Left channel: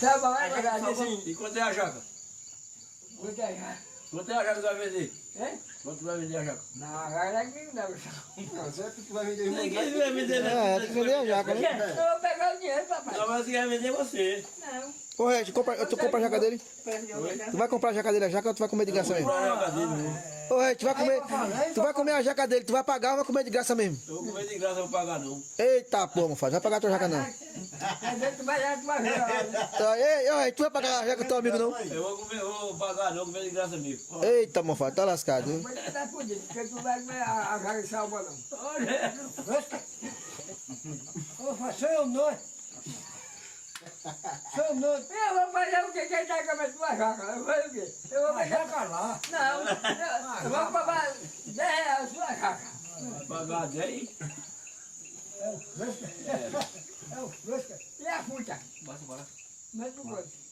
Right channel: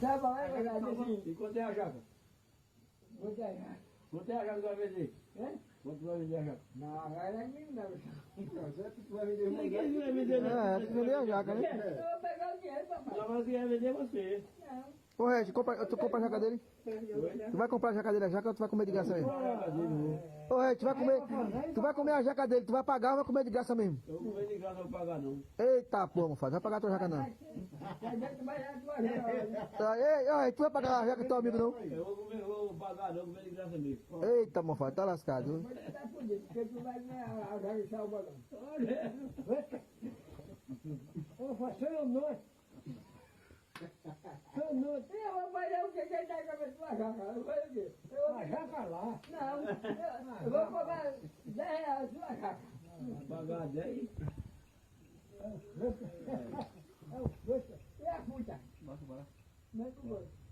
Sabe, vai pagar assim. E quanto é a jaca? Vou ganhar. Quanto é a jaca que vai vender? Hein? Quanto vai vender a jaca? Não, agora aqui não dá. Não, certo que vai vender Ninguém vai vender, Tem que vender a jaca, né? Eu vou pegar o dinheiro, papai. Não, mas quem vai vender é você. Não. Ô, Red, tu compra a jaca dele? Tu vai comprar a jaca dele, a jaca ou tu vai comer de graça mesmo? Comprar a jaca dele, não. Ô, Red, tu vai comer a jaca dele, tu vai pagar ou vai comer de graça mesmo? Eu vou comer de graça, não vou pagar não. Eita, pô, mofado, vai pagar a tua jaca não. Mas tu vai dar tua vida. Tá, ei, ô, Red, tu vai pagar a jaca do teu amigo não? Eu vou comer, vou pagar não, comer de graça mesmo. Eita, mofado, tá lascado, viu? Mas tu tá fudido, porque tu vai comer a carne de salva não. Olha. Sou eu não. Sou não. Eu vou fazer o quê? Quem tá comendo tua jaca? Eu vou fazer o quê? Eu vou Vai pegar... jaca lá. Não, eu vou pagar 10 reais a sua jaca. Vai pagar 10? É o fresca. E a puta? Bora, bora. Mas tu gosta.